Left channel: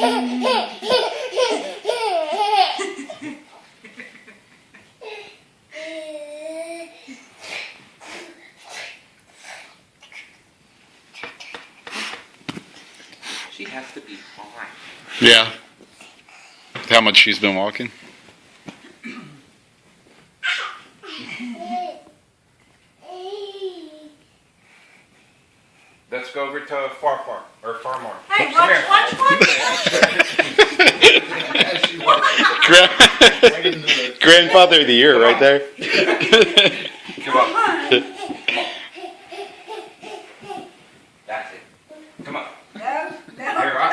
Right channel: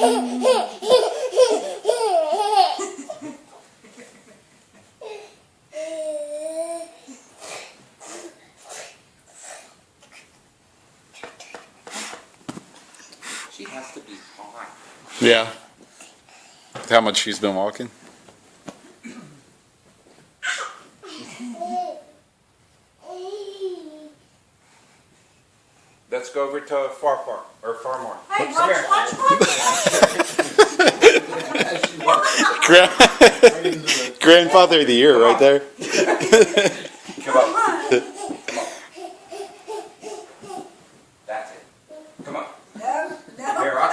She has to be fine. Yeah. How much she's been walking? Let's go over to Farmore. Hey, watch. Grandfather of the year right there. Come on. That's it. Come on. No. Here, I'll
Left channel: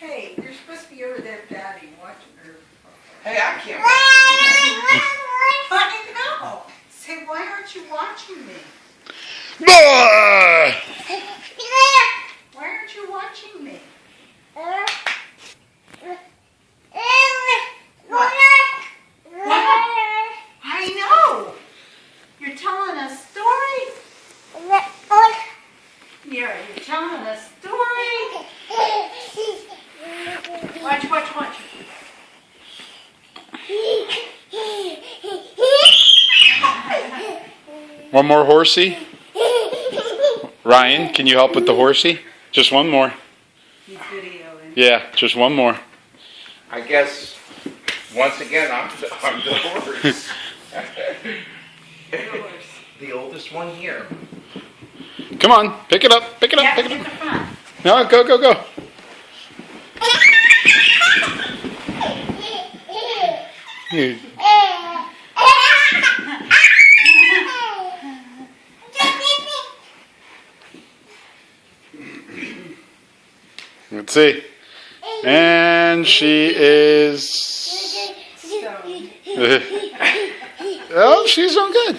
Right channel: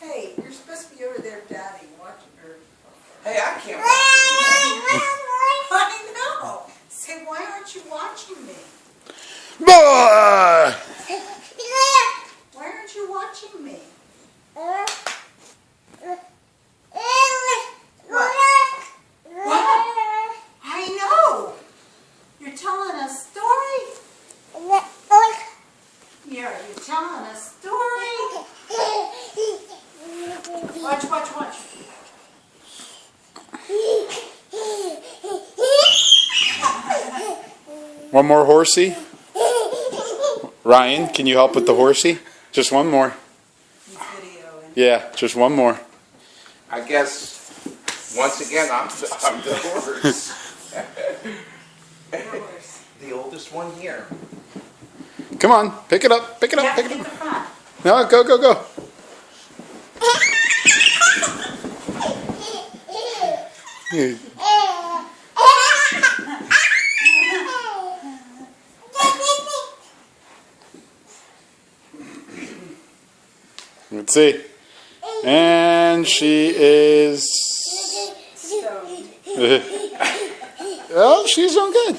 Hey, you're supposed to be over there, Daddy, watching her. Hey, I can't. I know. Say, why aren't you watching me? Boy! Why aren't you watching me? What? I know. You're telling a story? You're telling a story? Watch. One more horsey. Ryan, can you help with the horsey? Just one more. He's videoing. Yeah, just one more. I guess, once again, I'm the horse. The oldest one here. Come on, pick it up. Pick it You up. have Pick to it get up. the front. No, go. Let's see. And she is. Stoned. Oh, she's doing good.